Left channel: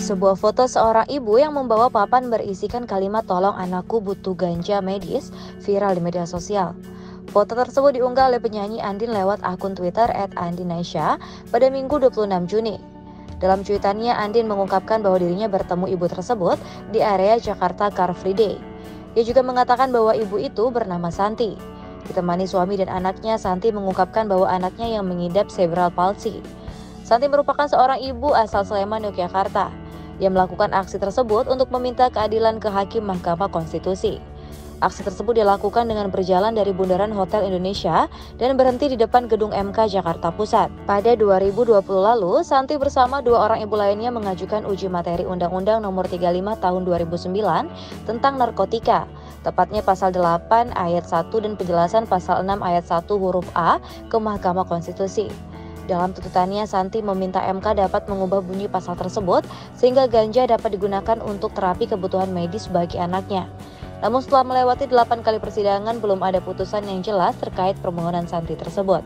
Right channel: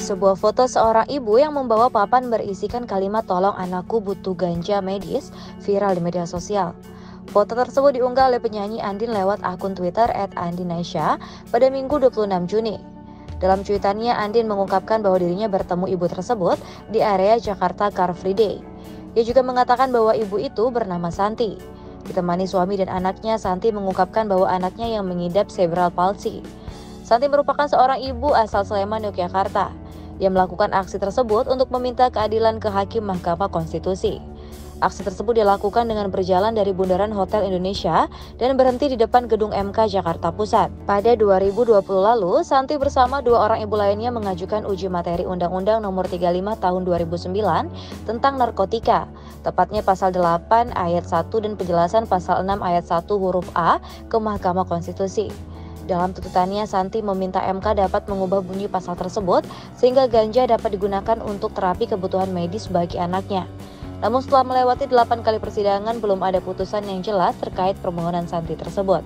Sebuah foto seorang ibu yang membawa papan berisikan kalimat "tolong anakku butuh ganja medis" viral di media sosial. Foto tersebut diunggah oleh penyanyi Andin lewat akun Twitter @andinaisha pada Minggu 26 Juni. Dalam cuitannya, Andin mengungkapkan bahwa dirinya bertemu ibu tersebut di area Jakarta Car Free Day. Ia juga mengatakan bahwa ibu itu bernama Santi. Ditemani suami dan anaknya, Santi mengungkapkan bahwa anaknya yang mengidap cerebral palsy. Santi merupakan seorang ibu asal Sleman, Yogyakarta, yang melakukan aksi tersebut untuk meminta keadilan ke Hakim Mahkamah Konstitusi. Aksi tersebut dilakukan dengan berjalan dari Bundaran Hotel Indonesia dan berhenti di depan Gedung MK Jakarta Pusat. Pada 2020 lalu, Santi bersama dua orang ibu lainnya mengajukan uji materi Undang-Undang Nomor 35 Tahun 2009 tentang narkotika, tepatnya Pasal 8 Ayat 1 dan penjelasan Pasal 6 Ayat 1 huruf A ke Mahkamah Konstitusi. Dalam tuntutannya, Santi meminta MK dapat mengubah bunyi pasal tersebut sehingga ganja dapat digunakan untuk terapi kebutuhan medis bagi anaknya. Namun setelah melewati 8 kali persidangan, belum ada putusan yang jelas terkait permohonan Santi tersebut.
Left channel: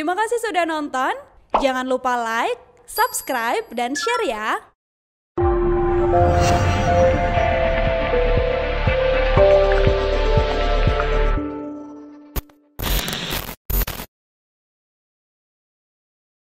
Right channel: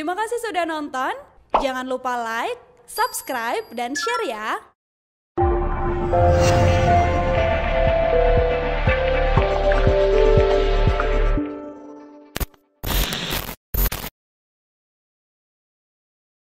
Terima kasih sudah nonton. Jangan lupa like, subscribe, dan share ya.